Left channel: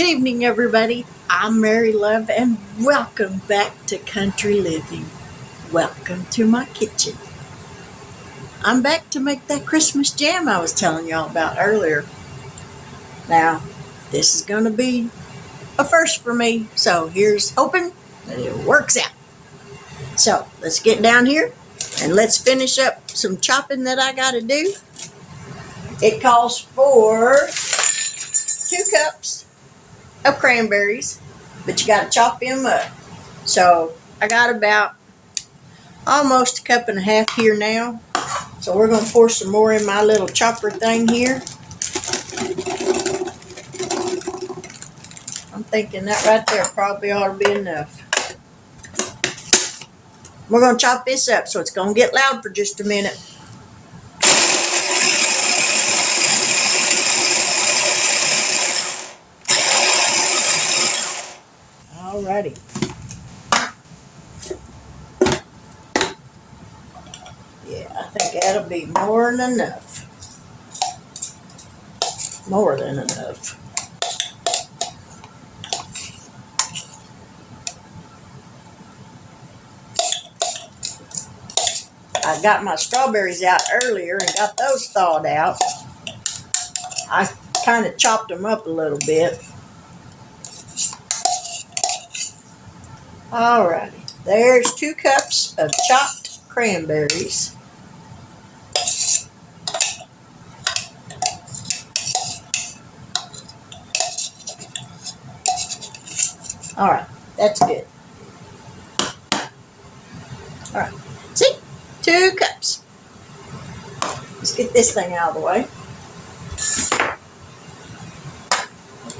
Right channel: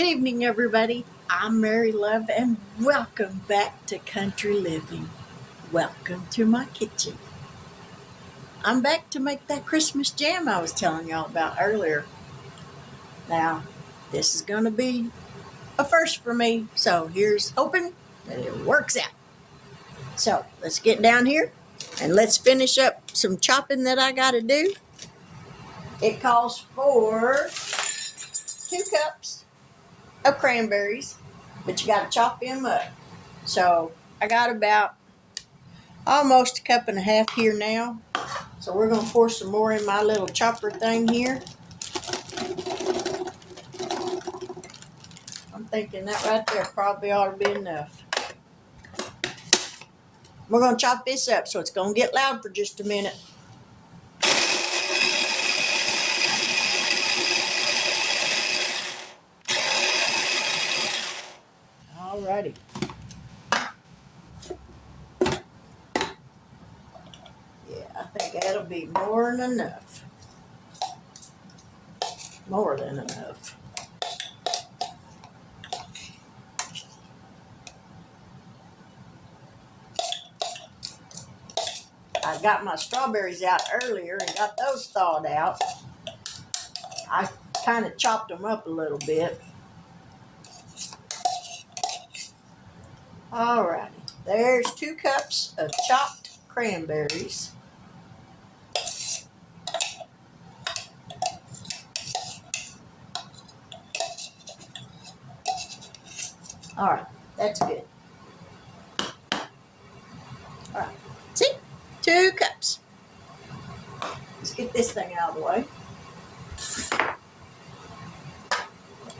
Good evening, everybody. I'm Mary Love, and welcome back to Country Living. Welcome to my kitchen. I'm back to make that Christmas jam I was telling y'all about earlier. Now, this is going to be a first for me, so here's hoping that it works out. So, let's get down here and let's finish up some chopping that I got to do. It calls for 2 cups of cranberries, but you got to chop them up. So I got about almost a cup and a half here now. So we're going to pour some more in my little chopper thing here. I'm thinking that right there probably ought to be enough. We're going to chop this up, so it's going to get loud for just a minute. Alrighty. Yeah, I think that'll be more than enough. More than enough. I got my strawberries out earlier and got those thawed out. I kind of chopped them up a little bit. Alrighty, there's 2 cups of chopped cranberries. Alright, that's good. Alright, see? 2 cups. Let's get this thing out of the way.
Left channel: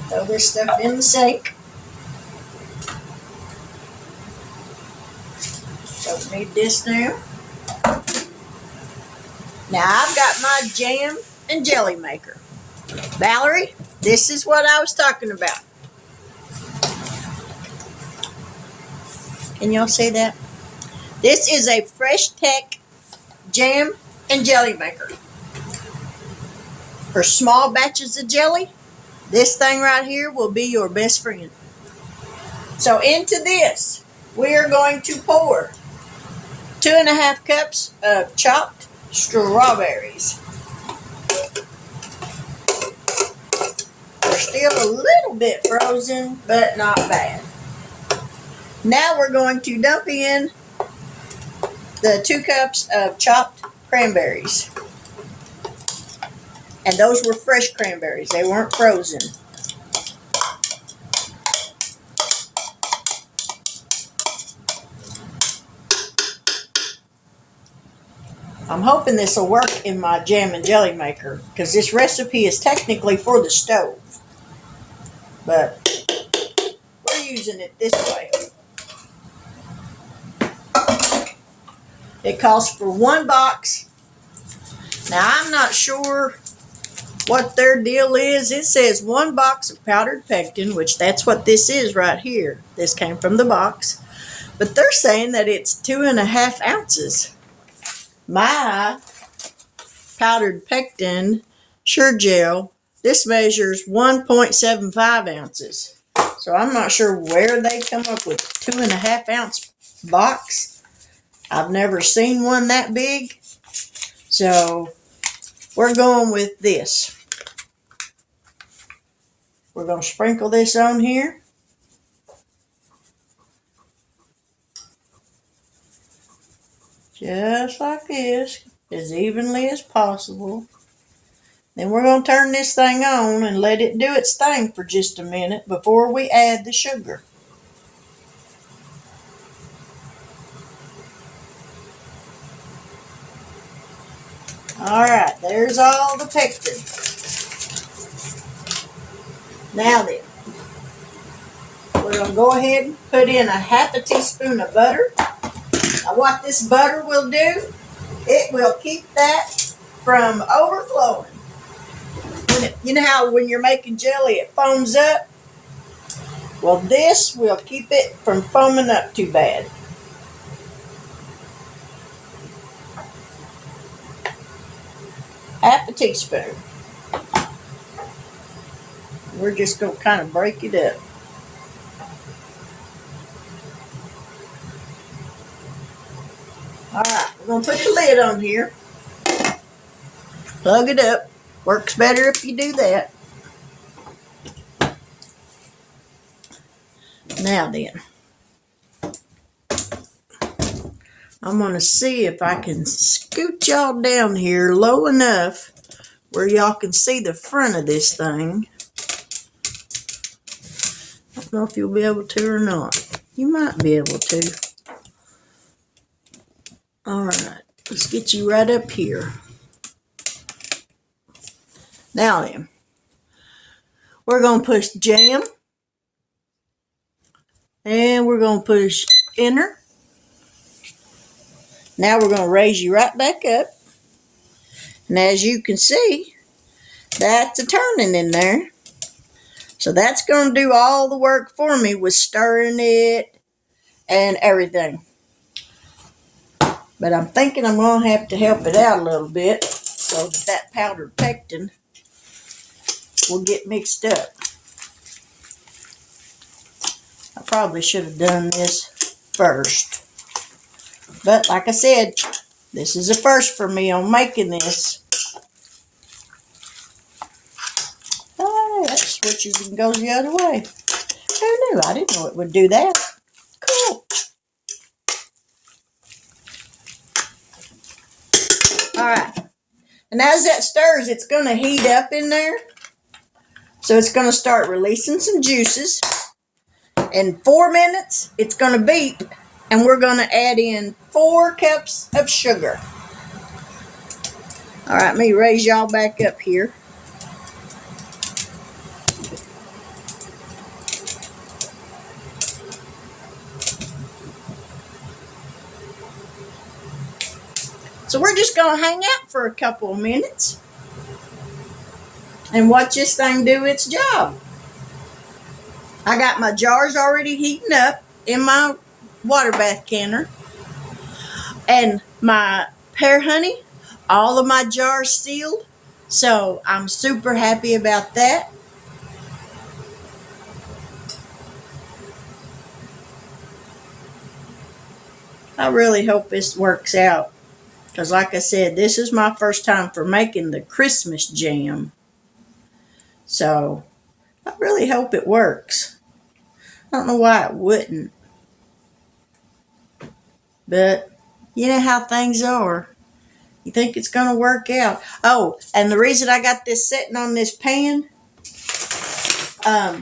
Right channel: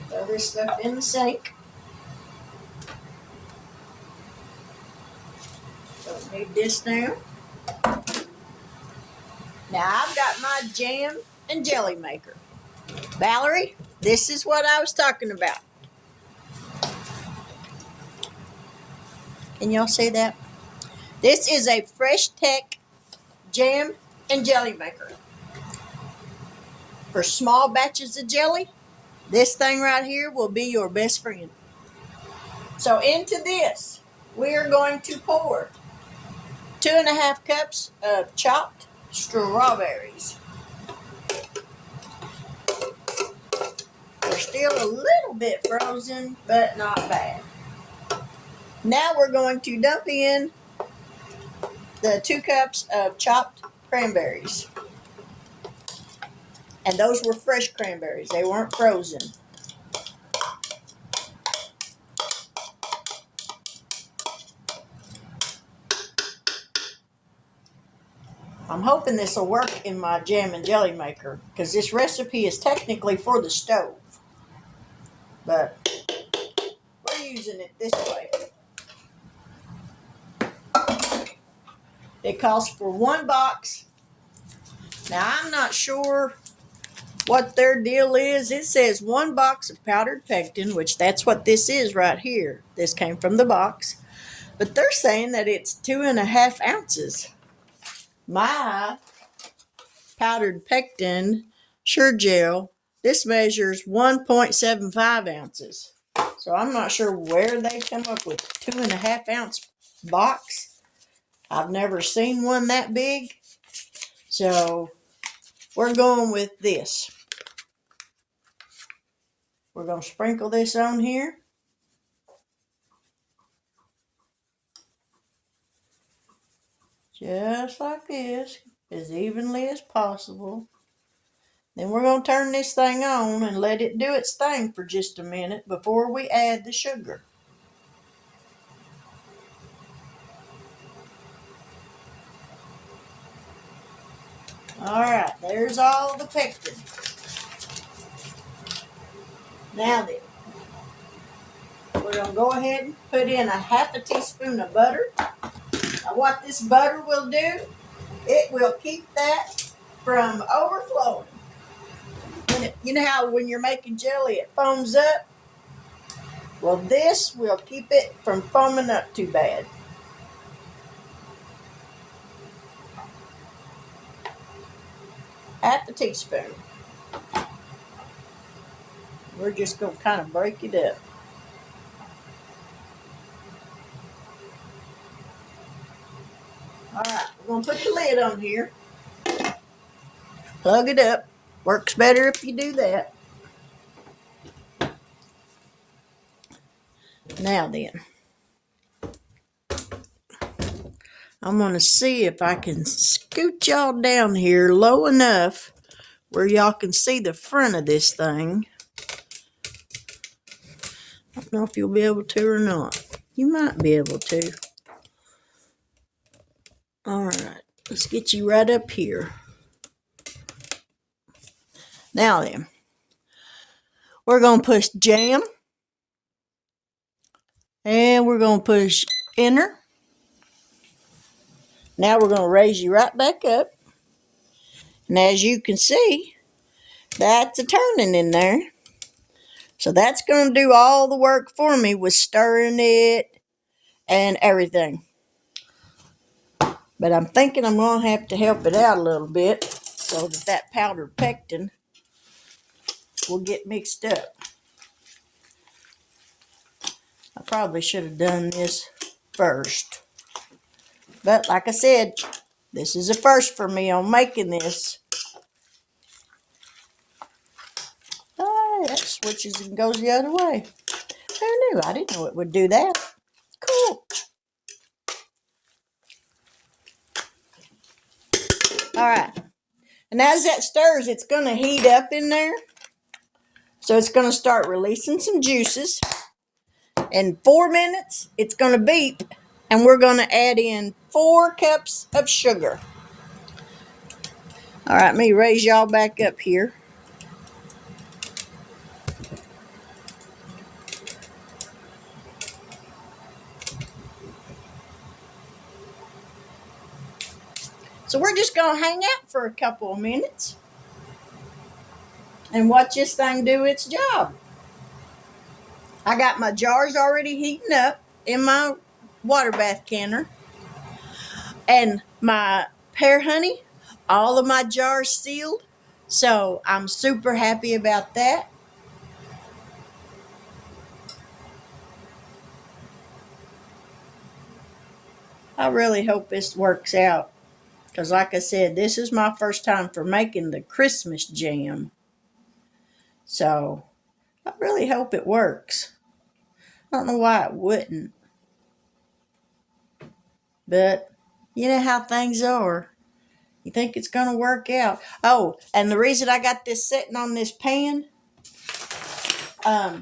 Throw this stuff in the sink. Don't need this now. Now I've got my jam and jelly maker. Valerie, this is what I was talking about. Can y'all say that? This is a Fresh Tech jam and jelly maker. For small batches of jelly, this thing right here will be your best friend. So into this, we are going to pour 2.5 cups of chopped strawberries. They're still a little bit frozen, but not bad. Now we're going to dump in the 2 cups of chopped cranberries. And those were fresh cranberries. They weren't frozen. I'm hoping this will work in my jam and jelly maker, because this recipe is technically for the stove. But we're using it this way. It calls for 1 box. Now, I'm not sure what their deal is. It says 1 box of powdered pectin, which that's what this is right here. This came from the box. But they're saying that it's 2.5 ounces. My powdered pectin Sure Gel, this measures 1.75 ounces. So I'm not sure where they come up with 2.5 ounce box. I've never seen one that big. So we're going with this. We're going to sprinkle this on here. Just like this, as evenly as possible. Then we're going to turn this thing on and let it do its thing for just a minute before we add the sugar. Alright, there's all the pectin. Now then, we're going to go ahead and put in 1/2 teaspoon of butter. Now what this butter will do, it will keep that from overflowing. You know how when you're making jelly it foams up? Well, this will keep it from foaming up too bad. Half a teaspoon. we're just going to kind of break it up. All right, we're going to put the lid on here. Plug it up. Works better if you do that. Now then, I'm going to see if I can scoot y'all down here low enough where y'all can see the front of this thing. I don't know if you'll be able to or not. You might be able to. All right, let's get you right up here. Now then, we're going to push jam. And we're going to push enter. Now we're going to raise you right back up. And as you can see, that's a turning in there. So that's going to do all the work for me with stirring it and everything. But I'm thinking I'm going to have to help it out a little bit so that powdered pectin will get mixed up. I probably should have done this first. But like I said, this is a first for me on making this. Oh, that switches and goes the other way. Who knew? I didn't know it would do that. Cool. All right. And as that stirs, it's going to heat up in there. So it's going to start releasing some juices. In 4 minutes, it's going to beep. And we're going to add in 4 cups of sugar. All right, let me raise y'all back up here. So we're just going to hang out for a couple of minutes and watch this thing do its job. I got my jars already heating up in my water bath canner. And my pear honey, all of my jars sealed. So I'm super happy about that. I really hope this works out. Because like I said, this is my first time for making the Christmas jam. So I really hope it works. I don't know why it wouldn't. But you know how things are. You think it's going to work out. Oh, and the reason I got this sitting on this pan, right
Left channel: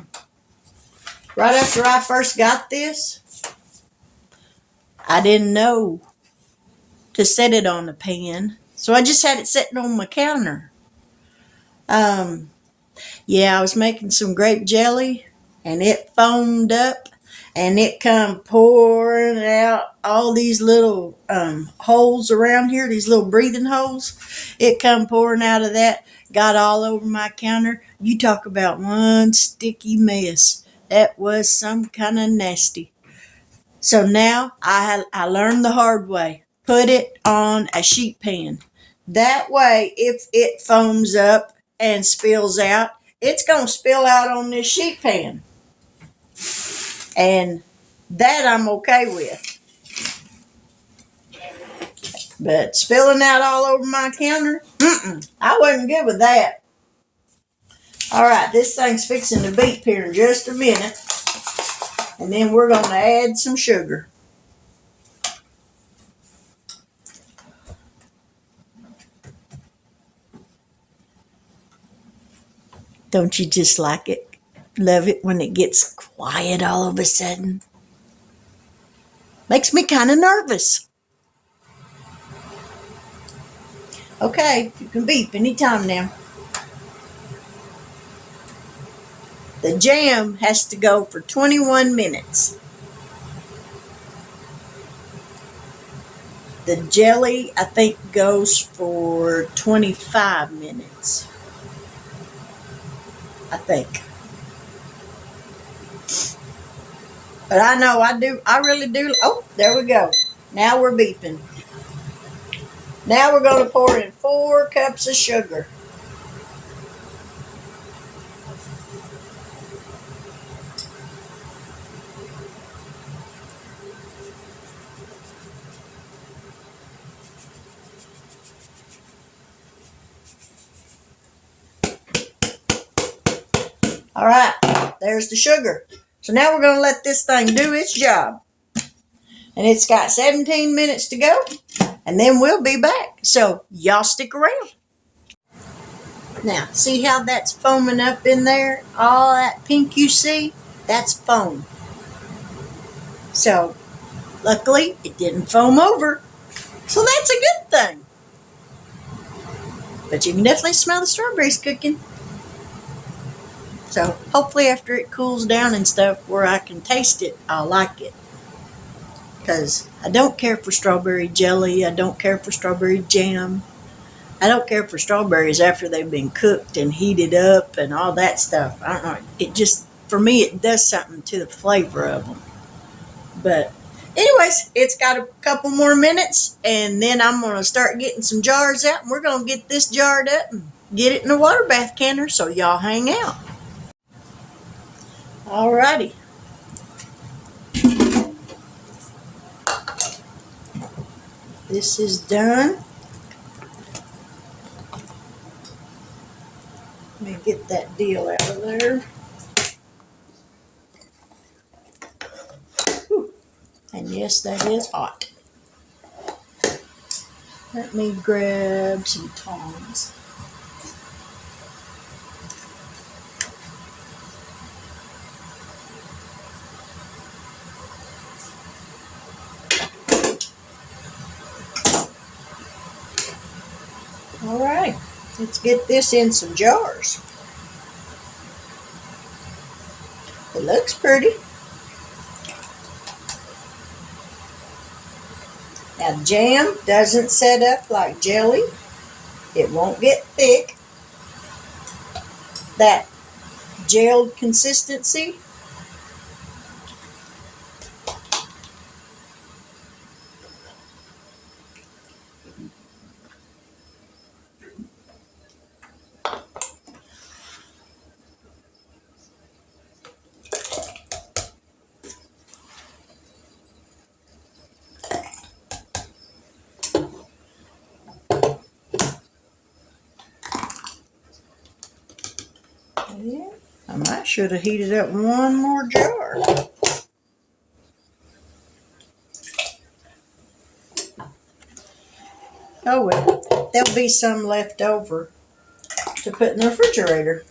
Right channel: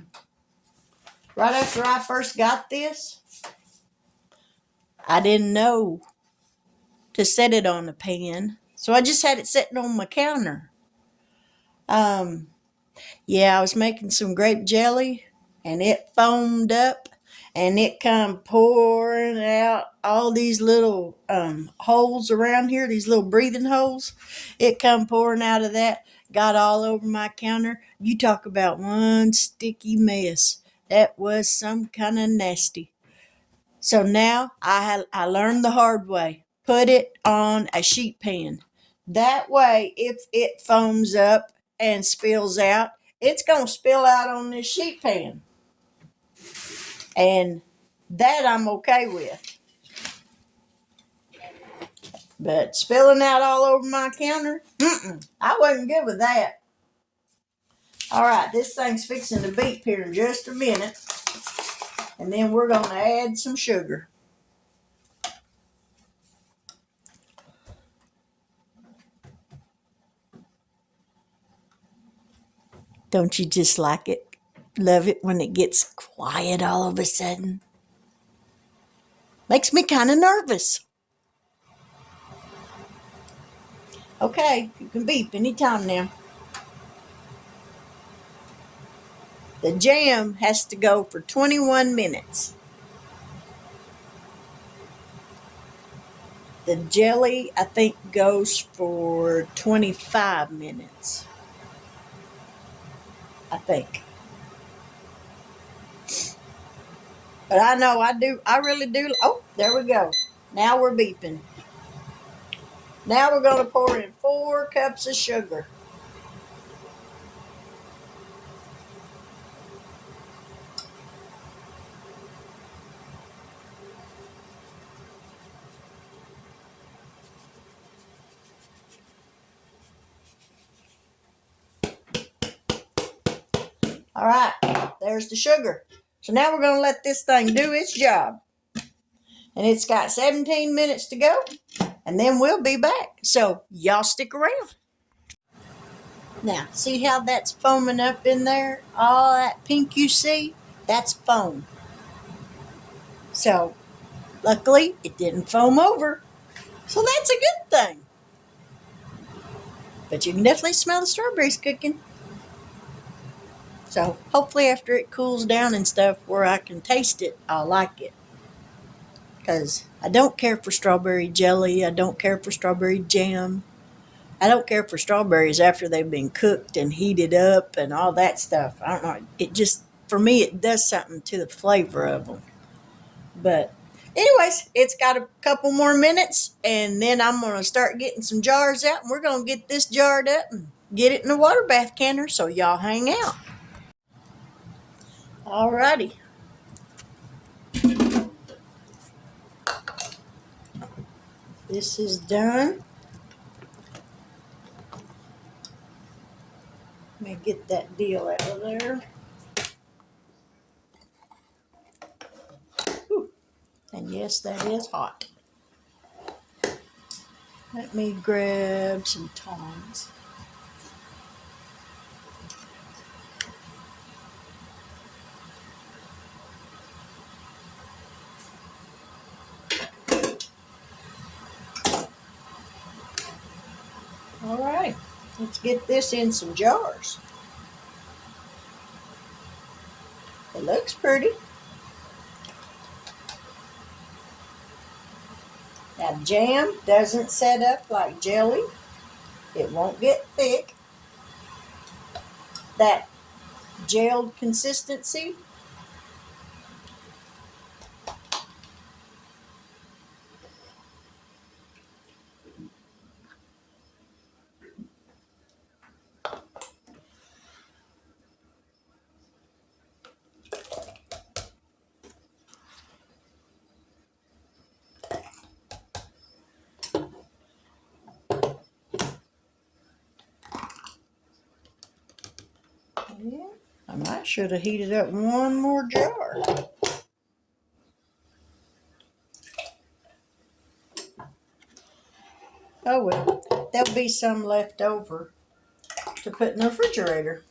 after I first got this, I didn't know to set it on the pan. So I just had it sitting on my counter. Yeah, I was making some grape jelly and it foamed up and it come pouring out all these little holes around here, these little breathing holes. It come pouring out of that, got all over my counter. You talk about one sticky mess. That was some kind of nasty. So now I learned the hard way. Put it on a sheet pan. That way, if it foams up and spills out, it's going to spill out on this sheet pan. And that I'm okay with. But spilling out all over my counter, I wasn't good with that. All right, this thing's fixing to beep here in just a minute. And then we're going to add some sugar. Don't you just like it? Love it when it gets quiet all of a sudden. Makes me kind of nervous. Okay, you can beep anytime now. The jam has to go for 21 minutes. The jelly, I think, goes for 25 minutes. I think. But I know I really do. Oh, there we go. Now we're beeping. Now we're going to pour in 4 cups of sugar. All right, there's the sugar. So now we're going to let this thing do its job. And it's got 17 minutes to go, and then we'll be back. So y'all stick around. Now, see how that's foaming up in there? All that pink you see, that's foam. So luckily, it didn't foam over. So that's a good thing. But you can definitely smell the strawberries cooking. So hopefully after it cools down and stuff where I can taste it, I'll like it. Because I don't care for strawberry jelly. I don't care for strawberry jam. I don't care for strawberries after they've been cooked and heated up and all that stuff. I don't know. It just, for me, it does something to the flavor of them. But anyways, it's got a couple more minutes, and then I'm going to start getting some jars out, and we're going to get this jarred up and get it in a water bath canner, so y'all hang out. Alrighty. This is done. Let me get that deal out of there. Whew. And yes, that is hot. Let me grab some tongs. All right, let's get this in some jars. It looks pretty. Now, jam doesn't set up like jelly. It won't get thick. That gelled consistency. Yeah, I might should have heated up one more jar. Oh well, there'll be some left over to put in the refrigerator.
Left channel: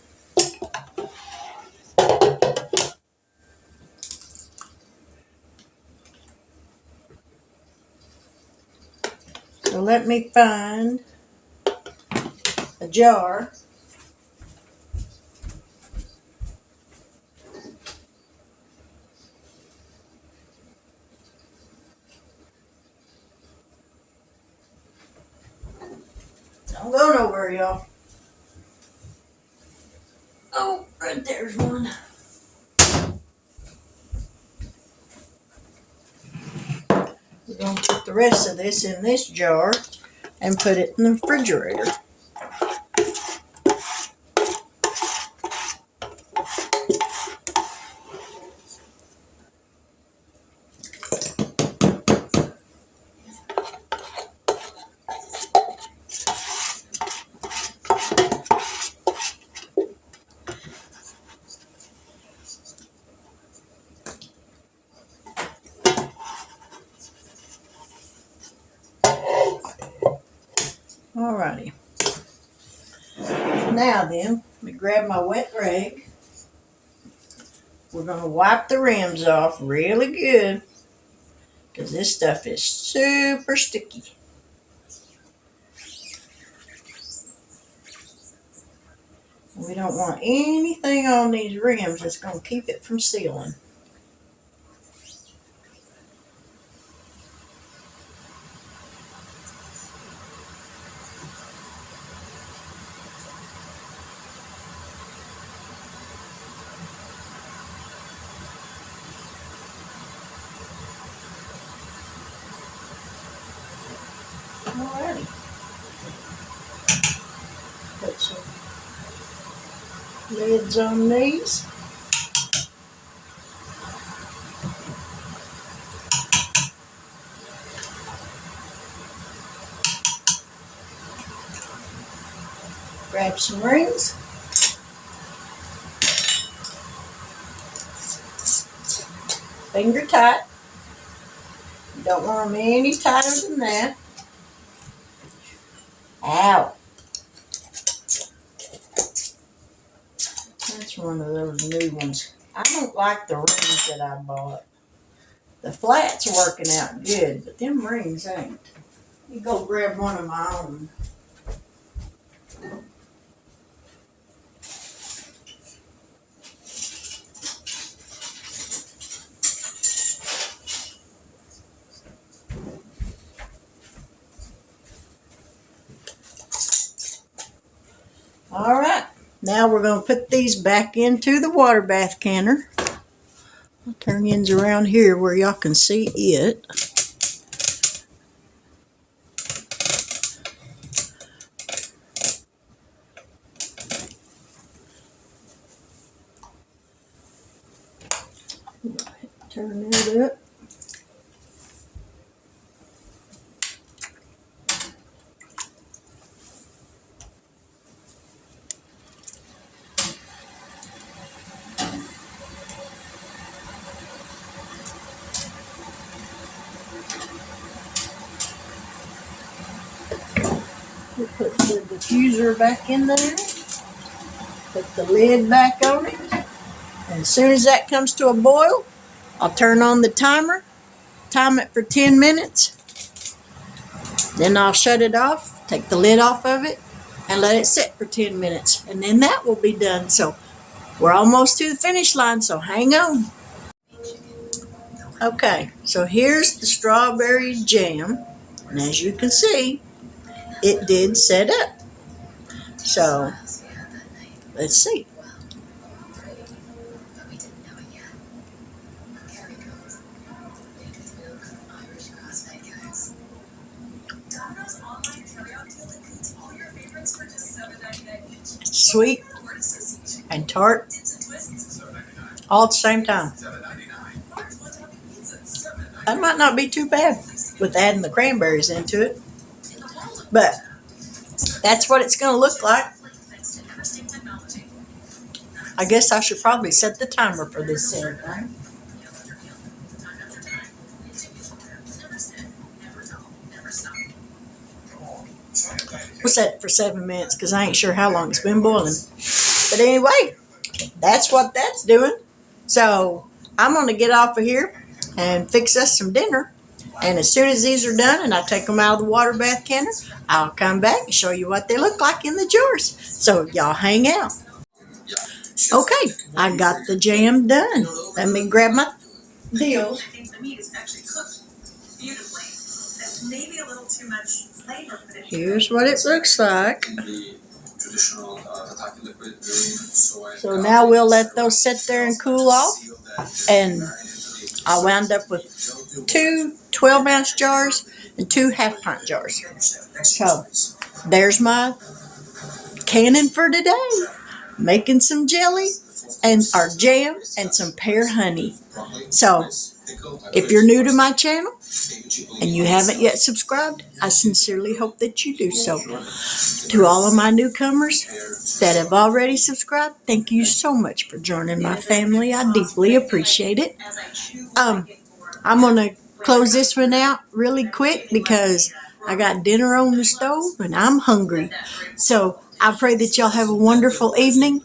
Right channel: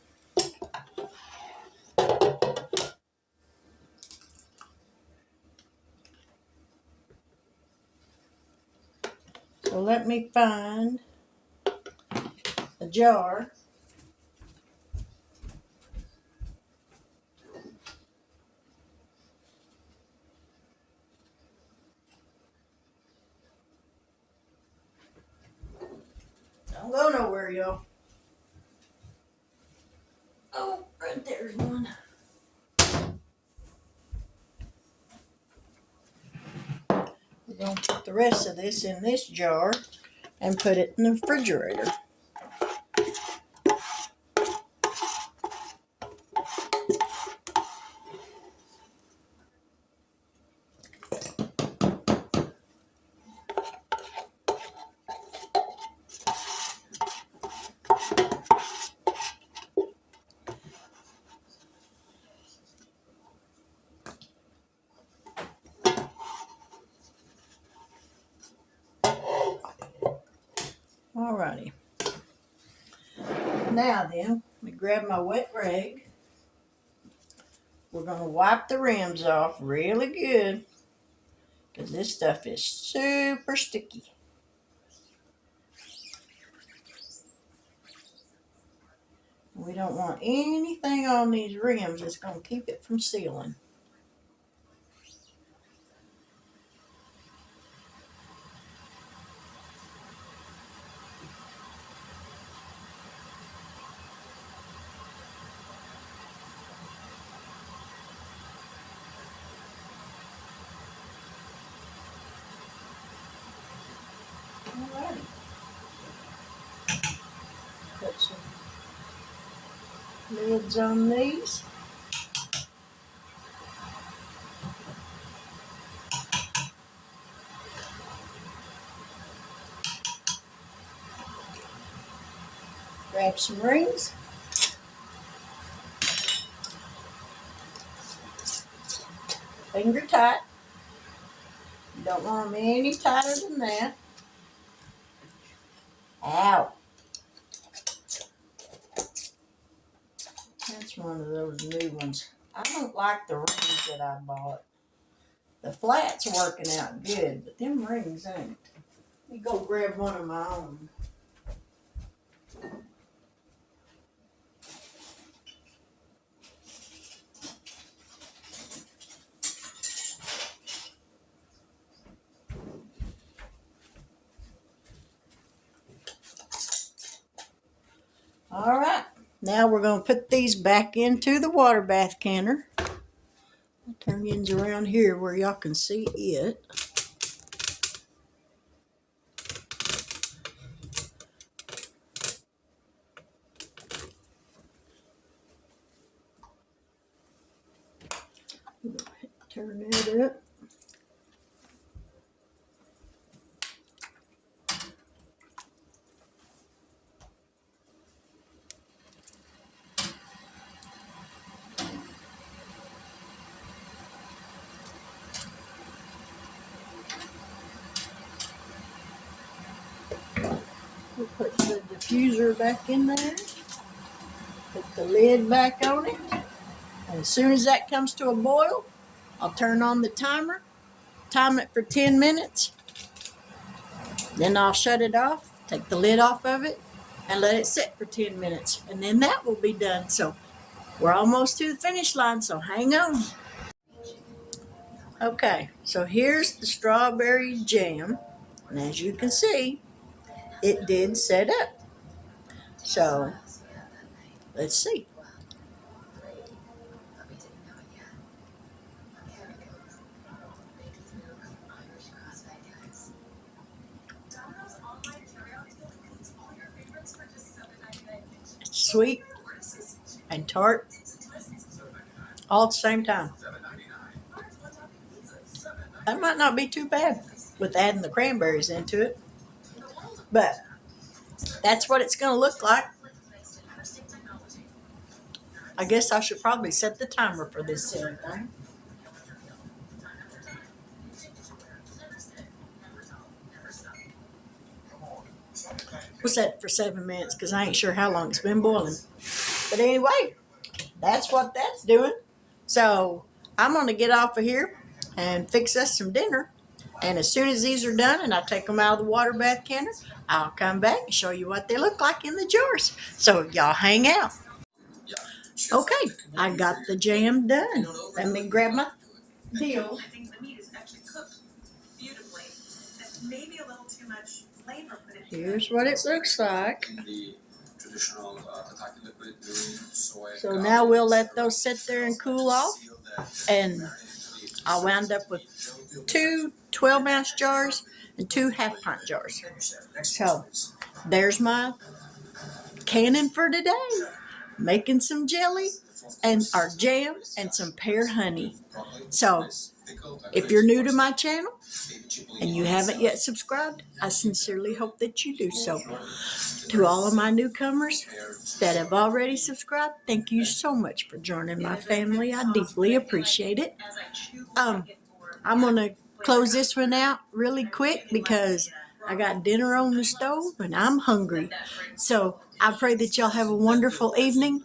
So let me find a jar. Don't go nowhere, y'all. Oh, right there's one. We're going to put the rest of this in this jar and put it in the refrigerator. Alrighty. Now then, let me grab my wet rag. We're going to wipe the rims off really good because this stuff is super sticky. We don't want anything on these rims that's going to keep it from sealing. Alrighty. Put some lids on these. Grab some rings. finger tight. You don't want them any tighter than that. Ow. That's one of those new ones. I don't like the rings that I bought. The flat's working out good, but them rings ain't. You go grab one of my own. All right, now we're going to put these back into the water bath canner. I'll turn ends around here where y'all can see it. Turn that up. We'll put the diffuser back in there. Put the lid back on it. And as soon as that comes to a boil, I'll turn on the timer, time it for 10 minutes. Then I'll shut it off, take the lid off of it, and let it sit for 10 minutes. And then that will be done. So we're almost to the finish line, so hang on. Okay, so here's the strawberry jam. And as you can see, it did set up. So let's see. It's sweet and tart all at the same time. That might not be too bad with adding the cranberries into it, but that's what it's going to look like. I guess I should probably set the timer for this thing. We'll set it for 7 minutes because I ain't sure how long it's been boiling. But anyway, that's what that's doing. So I'm going to get off of here and fix us some dinner. And as soon as these are done and I take them out of the water bath canner, I'll come back and show you what they look like in the jars. So y'all hang out. Okay, I got the jam done. Let me grab my deal. I think the meat is actually cooked beautifully. Maybe a little too much flavor. Here's what it looks like. So now we'll let those sit there and cool off. And I wound up with 2 12-ounce jars and 2 half-pint jars. So there's my canning for today. Making some jelly and our jam and some pear honey. So if you're new to my channel and you haven't yet subscribed, I sincerely hope that you do so. To all of my newcomers that have already subscribed, thank you so much for joining my family. I deeply appreciate it. I'm going to close this one out really quick because I got dinner on the stove and I'm hungry. So I pray that y'all have a wonderful evening,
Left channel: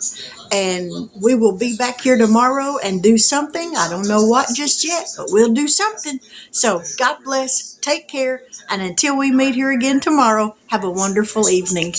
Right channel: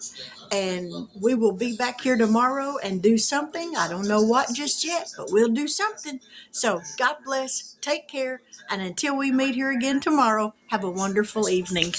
and we will be back here tomorrow and do something. I don't know what just yet, but we'll do something. So God bless, take care, and until we meet here again tomorrow, have a wonderful evening.